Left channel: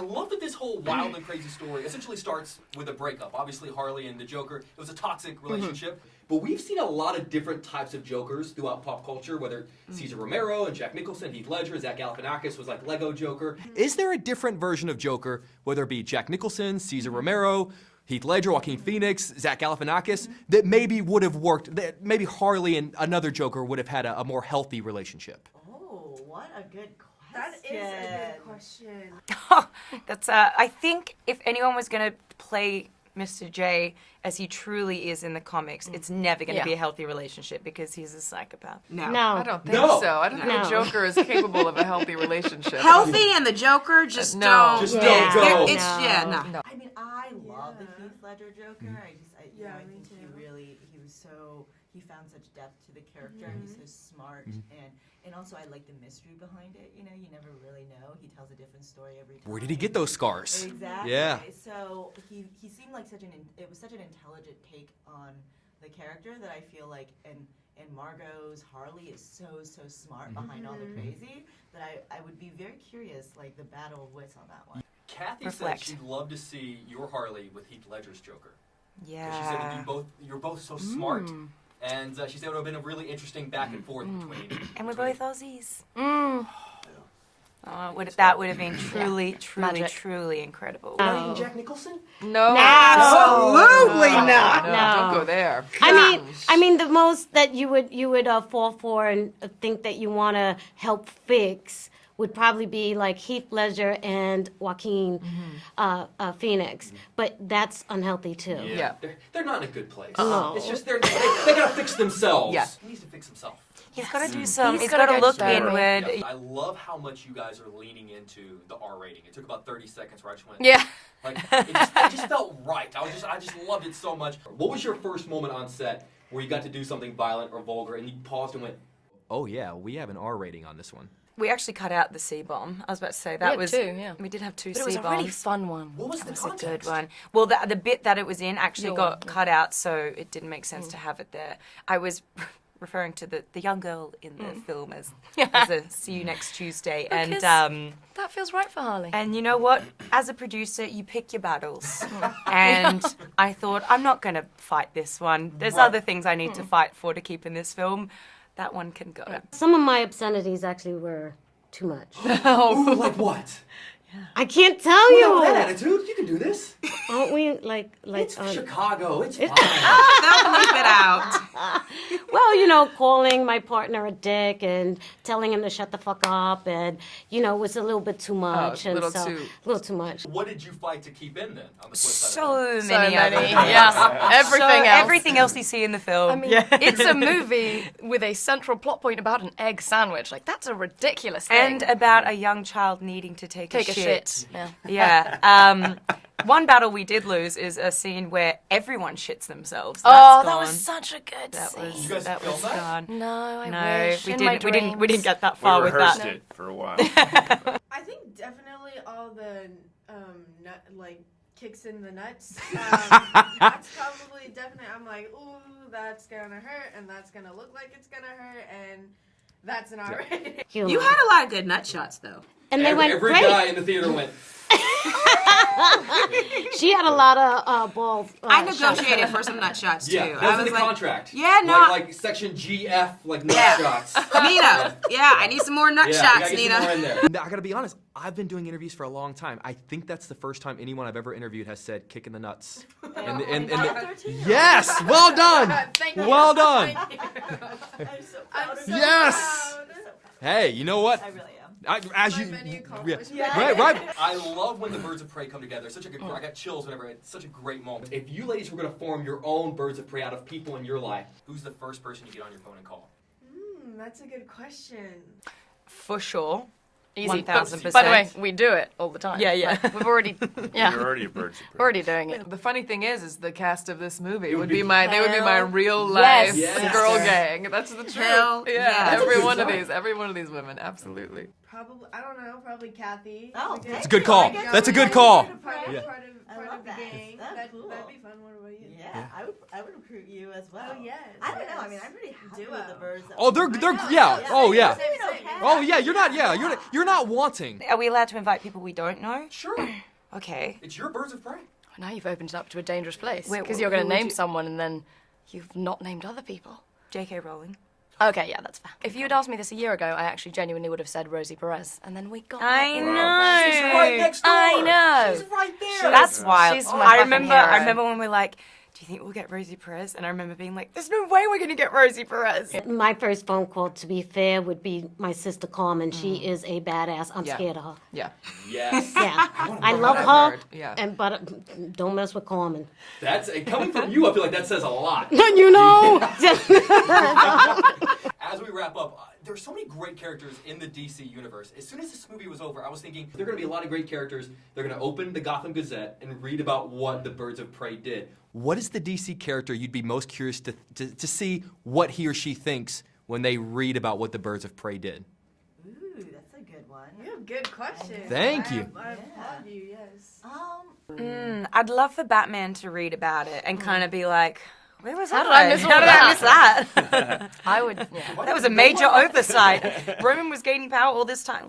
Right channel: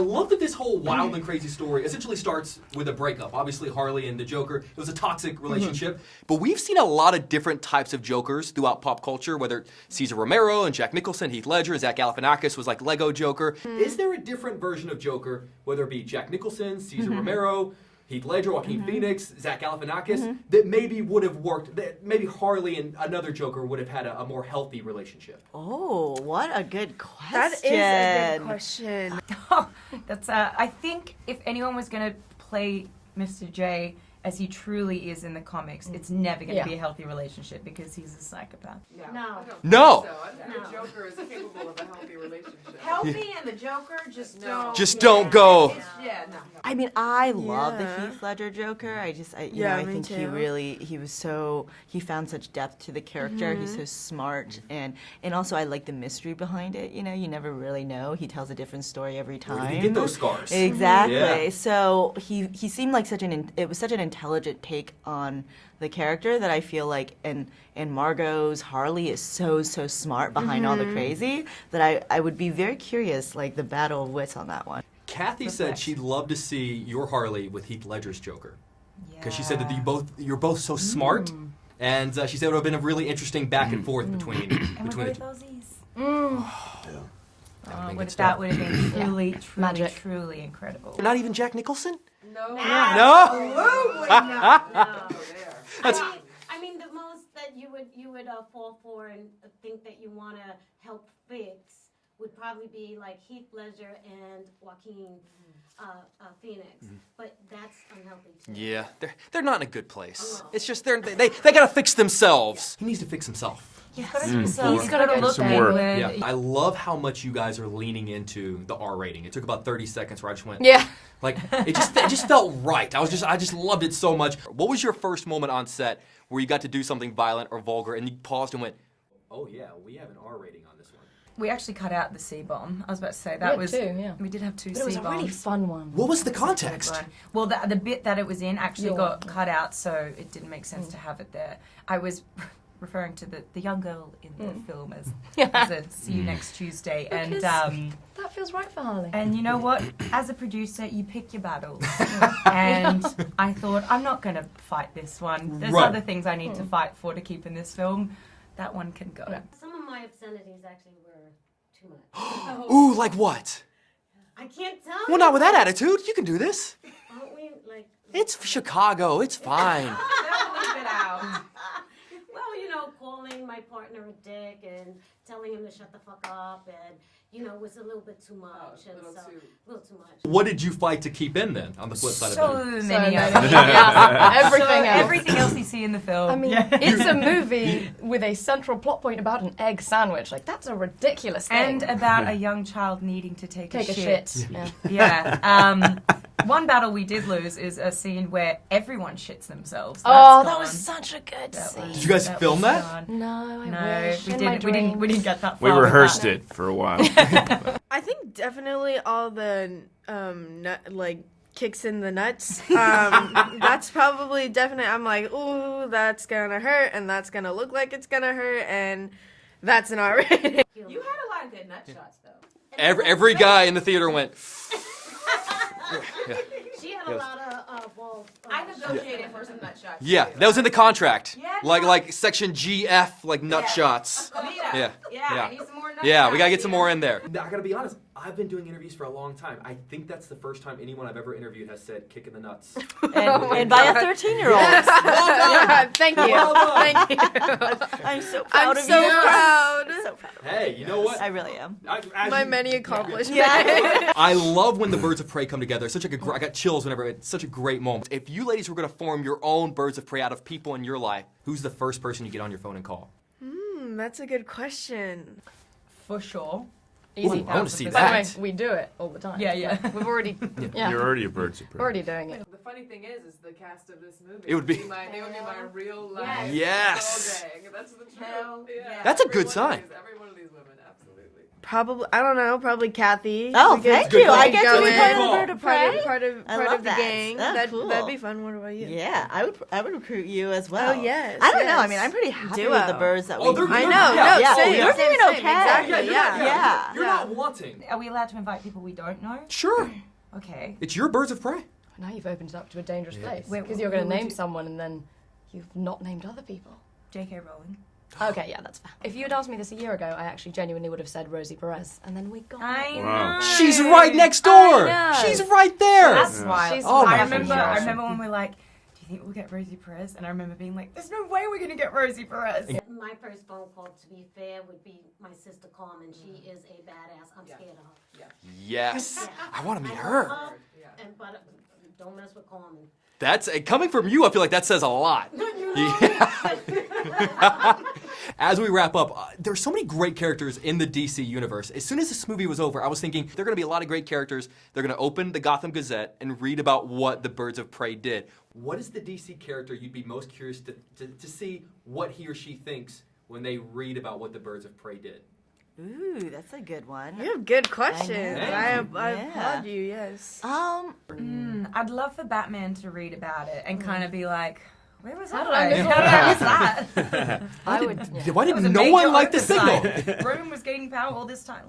love that this whole wild and crazy story essentially starts with a breakup. Obviously, Harley and the Joker, it was a toxic relationship. But we've seen a lot of different types of Jokers throughout pop culture, whether Cesar Romero and Jack Nicholson, Heath Ledger, Zach Galifianakis was like Lego Joker. Is there a different version of Joker, whether it be Jack Nicholson, Cesar Romero, Heath Ledger, Joaquin Phoenix, Zach Galifianakis, that maybe would have worked, that maybe Harley and another Joker would have had a more healthy relationship? Oh, what a good question. That is a good question. That's I think if anyone was going to play Mr. J as he truly is in the comics, it's never going to be a healthy relationship because he's a psychopath. No. I don't think No. so. I don't think the Joker is capable of a healthy relationship. Healthy and the Joker just don't. Just don't go. It's no. I mean, I love the Heath Ledger Joker. I think he found such depth to the character. He's so smart, and also I like the mystery behind it. You know, you never really know. He tells a different story every time. Where did he get those scars? Exactly. Yeah. So he seemed like it was such an intelligent take on the character that I feel like, and Margot's Harley is so smart behind all the crazy that I would be very curious, like the battle of wits on that one. Kathy said she'd love to see your Harley with Heath Ledger's Joker. Yeah. Because she said that you're both so smart, and she said it would have been a really interesting back and forth between. And we're both Aussies. That That would have been truly incredible. Not even Jack Nicholson? No. Absolutely not. Don't go there. I mean, the most that you would fall for and think that you want to help fix would probably be like Heath Ledger and Joaquin Phoenix, but that's unhealthy too. Yeah. They're not in a good place. No. It's just they gotta fix themselves. Yeah. He needs to fix himself. He's got to do some. He's got to look inward. Yeah. I love how much you guys are leaning into the R rating. It took about 30 seconds where I just went, like it just felt right. I just loved it so much. What was your first moment on set where you got to do something violent or vulgar and you paused and went, oh yeah, we have an R rating on this one? We actually cut out the C-bomb. I was about to say that was. We did have two C-bombs. It was a really fun one. What was the context? Well, the bit that it was in actually got cut out, so it didn't make sense to have it there. I was referring to the young girl in the film as a see you next Tuesday, and that feels right for Harley. And you know what? As a producer, you pick your battles. And I thought, I'm not going to fight this one. There's other things I need to fight for to keep in this film. That one can go. Some of my obscenities actually were too much. Ooh, like what? I can't tell you. Well, not with that attitude. You can do this. Aren't we like It's Chicago. It's fine. They'll bleep it out. Well, calling my partner a dick and telling him to shut the fuck up, and it was a little bit too much, a little too much. What did you fight to keep in then? On the flip side of So many of them. Everything else you see in the film. I mean, it's a movie with a central plot point about an egg sandwich. Like, that's a ridiculous thing. And about a young child needing to take a shit. Yeah. One battle we did lose is a scene where everyone shits themselves. That was such a good scene. Did you guys film that? No, I wish. We didn't get that We far. rehearsed it for a while. I think definitely all the kicks in the nuts. That's probably definitely. I'm like, ooh, that's gonna hurt, and that's gonna look like it's gonna hurt, and that's an R rating. You had a lot of good nut shots, though. And Every guy in the theater went. She had a lot of balls. I negotiated for some nut shots, too. Yeah, that was in the contract. Yeah, no. Like section GF, like nut shots. Nita. Yeah, I need some more nut shots, Yeah, we gotta get Nita. some more in there. I gotta be honest, I've been doing interviews for a long time. I think that's the first time anyone I've ever interviewed has said kick in the nuts. And by a 13-year-old. Yes, well done. Thank you. Well done. Thank you. I'm so proud of you. I'm so proud. I'm so proud. Hey, you know what? I really am. My many accomplishments. Right. I love when the Birds of Prey come together. It's such I got chills whenever it's such a great moment. If you ladies were going to form your own Birds of Prey out of people in your life, who's the first person you get on your phone and call? That's a good question. For sure. Easy. 1000%. By the way, we do it all the time. Yeah. Like, we've already, You're already a Birds of Prey. We're already doing it. The funny thing is the cast of this movie It would be they would be my real life Yes. girl gang. That's the truth. Hell yeah. That's a every good one sign. of these, every one of these women, absolutely. Probably, I don't know, probably Kathy. Oh, We could thank Good you. call. I get That's to a good be call. Bird of Part Prey. of I part love of the that. gang. Oh, cool. That'd be fun. What about you? Yeah, I would recruit you as well. Oh, yes, I don't know. yes. I mean, I'm pretty happy Duo. with the birds that Oh, we they're do. good. I know. Yeah. No, Oh, same, yeah. same, We're doing same, okay. Oh yeah, you're not. exactly, Yeah, you're not wanting. Are we allowed to invite people we don't know? Sure. Okay. It's your birds of prey. Now you've opened it up to a dangerous place. Wait, Because what- you're going what to would name you- someone and then you've not named other people. J.K. Rowling. Okay, yeah, that's fair. If you had asked me this a year ago, I actually genuinely would have said Rosie Perez, and then we got. I Wow. know. She's right next door. I know. She's right there. That's wild. She's I my remember. hero. I remember when we were like, "Do you think we'll get Rosie Perez?" And I remember being like, "There's no way we're gonna get Rosie Perez." My first phone call, to be fair, would be my sister Carmen. She is a badass. I'm Yeah. scared of her. Yeah. Yes. Yeah, wanna I know love that her. word, yeah. And but don't mess with Carmen. That's coming from you. I feel like that says a lot. You know. As we wrap up, there's so many great characters in the DC universe. As soon as this movie was over, I was thinking there are going to be a lot of great characters. They're going to open the Gotham Gazette and read about what the Birds of Prey did. What is the DC character you'd be most curious to see what he or she thinks when they read about what the Birds of Prey did? Ooh, that's a good one. You have good questions. Thank you. I Yeah. applaud you. Yes. I'd love for Batman to read about it and kind of be like, "Where was How I? did I miss all How did I miss that?" I would. Why That did was a no major one like the signal? oversight. Roman was gaining power all this time.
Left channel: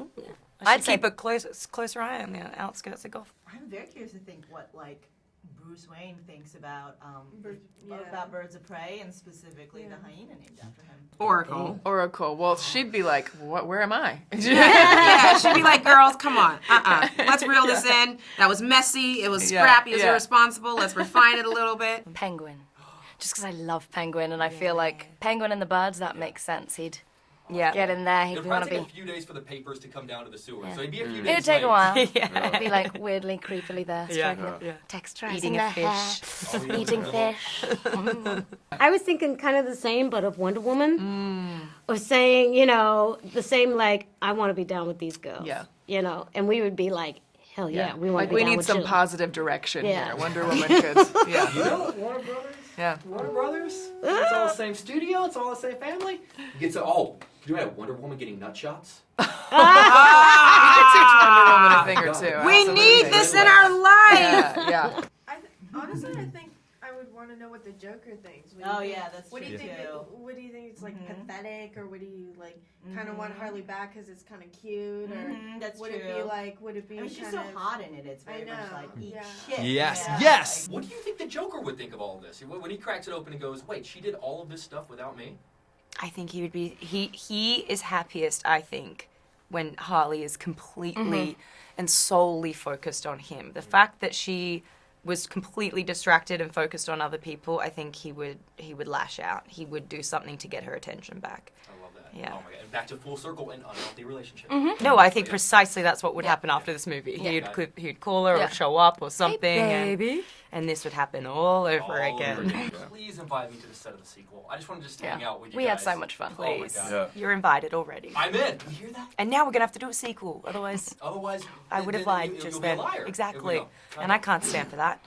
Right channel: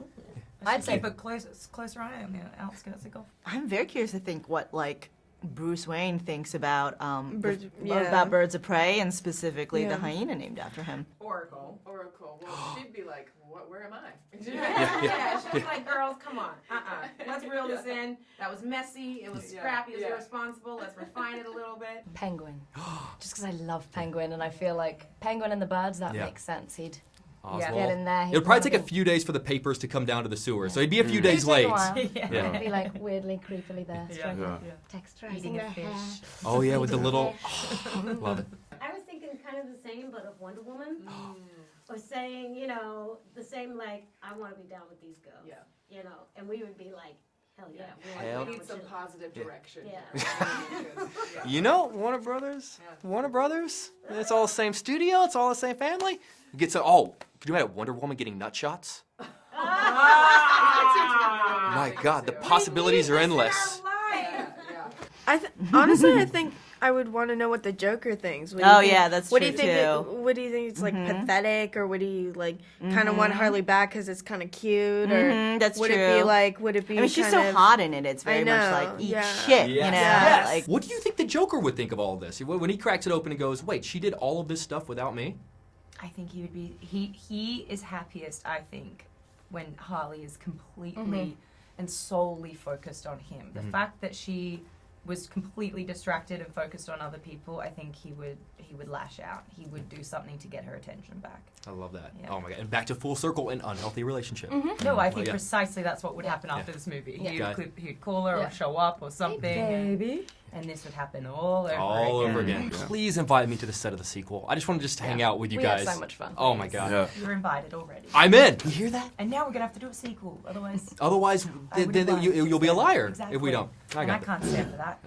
I I'd should say- keep a closer eye on the outskirts of Gotham. I'm very curious to think what like Bruce Wayne thinks about Birds- yeah. about Birds of Prey and specifically Yeah. the hyena named after him. Oracle. Oracle. Well, she'd be like, "What? Where am I?" Yeah, she'd be like, girls, come on. Let's reel this in. That was messy. It was Yeah, scrappy. It was yeah. irresponsible. Let's refine it a little bit. Penguin. Just because I love Penguin, and I feel like Penguin and the birds, that makes sense. He'd Yeah. get in there. It would probably take a few days for the papers to come down to the sewer, so he'd be a few days It'd take late. a while. Yeah. It'd be like weirdly, creepily there. Yeah. Texturizing Eating the a fish. hair. Oh yeah, with a little. I was thinking kind of the same, but of Wonder Woman. Or saying, you know, the same like, I want to be down with these girls. Yeah. You know, and we would be like, hell yeah, we want Like to be we down need with some you. positive direction Yeah. here. Wonder Woman could. Yeah. You know, Warner Brothers. Yeah. Warner Brothers. It's all the same studio. It's all the same family. Get to could you have Wonder Woman getting nut shots? We could teach Wonder Woman a thing or God, two. the We possibilities need are this in endless. our life. Yeah. Yeah. Honestly, I think I would want to know what the Joker thinks. What do you Oh, think- yeah, that's what do you true, think too. What do you think? It's like pathetic, or would he like kind of want Harley back because it's kind of cute, or That's would it be true. like? Would it be? I mean, she's so kind of- hot in it. It's I very much know, like eat yeah. shit. Yes. You know? Yes. Like, What do you think the Joker would think of all of this? When he cracks it open and goes, "Wait, she did all of this stuff without me?" I think he would be. He is happiest, I think, when Harley is completely and solely focused on him. The fact that she was completely distracted and focused on other people, I think he would lash out. He would do something to get her attention back. I love that. Yeah. Oh my god! And back to full circle, an unhealthy relationship. No, I think Yeah. precisely that's what would happen after this movie. Yeah. He'd call her Yeah. or show up or something, Baby. and this would happen all over All again. over again. Please invite me to the set of the sequel. I just want to just hang out with you We guys. had so much fun. Oh my Please. god. Yeah. You're invited already. I'm in. You hear that? And now we're gonna have to do a sequel, otherwise Otherwise, I would have lied. you'll just be a then. liar Exactly. if we don't. And I can't stand for that.